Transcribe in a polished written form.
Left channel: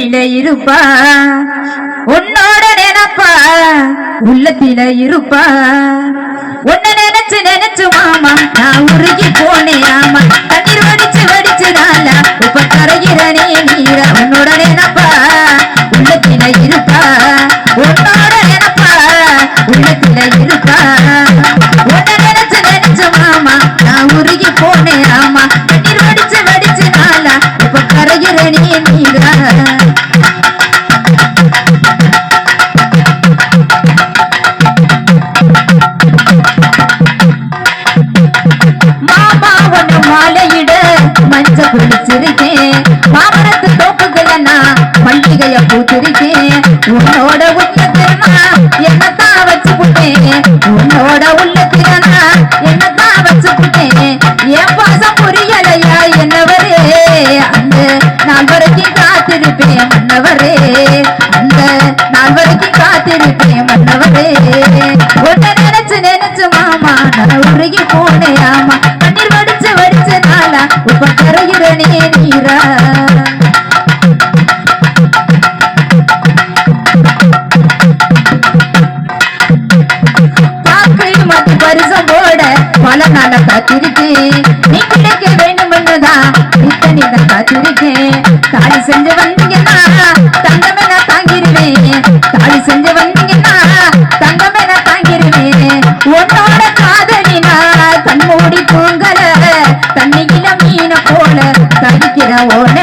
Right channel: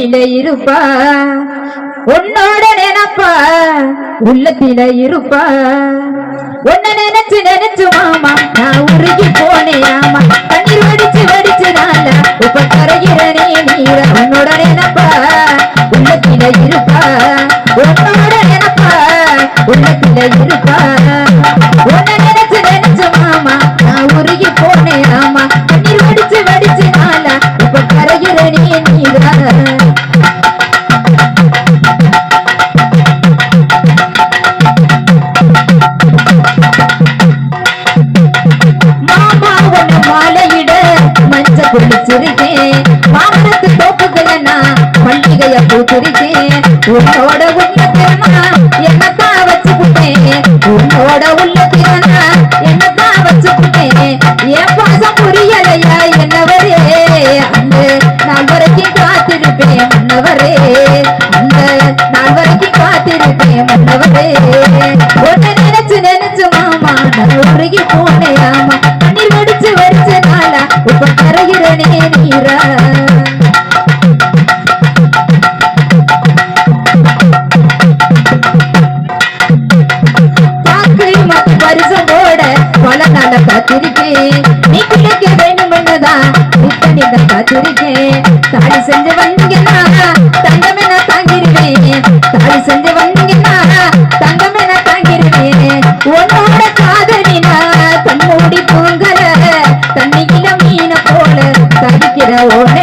உள்ளத்தில இருப்பா உன்னோட நினைப்பா உள்ளத்தில இருப்பா உன்ன நினைச்சு நினைச்சு மாமா நான் உருகி போனேன் ஆமா தண்ணீர் வடிச்சு வடிச்சுனால இப்ப கரைகிறனே நீர உன்னோட நினைப்பா உள்ளத்தில இருப்பா உன்னோட நினைப்பா உள்ளத்தில இருப்பா உன்ன நினைச்சு நினைச்சு மாமா நான் உருகி போனேன் ஆமா தண்ணீர் வடிச்சு வடிச்சுனால இப்ப கரைகிறனே நீர குளிச்சிருக்கேன் மாமரத்து தோப்புகளை நான் பண்டிகைய பூத்திருக்கேன் உன்னோட உள்ளத்திறனா என்னத்தான் வச்சுக்கிட்டேன் உன்னோட உள்ளத்திறனா என்னத்தான் வச்சுக்கிட்டேன் என் பாசம் புரியலையா என்னவரே அந்த நாள் வரைக்கும் காத்திருப்பேன் மன்னவரே அந்த நாள் வரைக்கும் காத்திருப்பேன் மன்னவரே உன்னை நினைச்சு நினைச்சு மாமா நான் உருகி போனேன் ஆமா தண்ணீர் வடிச்சு வடிச்சனால இப்ப கரைகிறனே நீரா காக்கை மத்து பரிசம் போட பல நாள காத்திருக்கேன் நீ கிடைக்க வேண்டும்னுதான் இத்தனிதான் காத்திருக்கேன் தாலி செஞ்சு வந்தீங்கன்னா தங்கம் என தாங்கிருவேன் தாலி செஞ்சு வந்தீங்கன்னா தங்கம் என தாங்கிருவேன் உன்னோட காதலினா கண்மூடி தூங்கல தண்ணியில மீன போல தவிக்கிற ஓன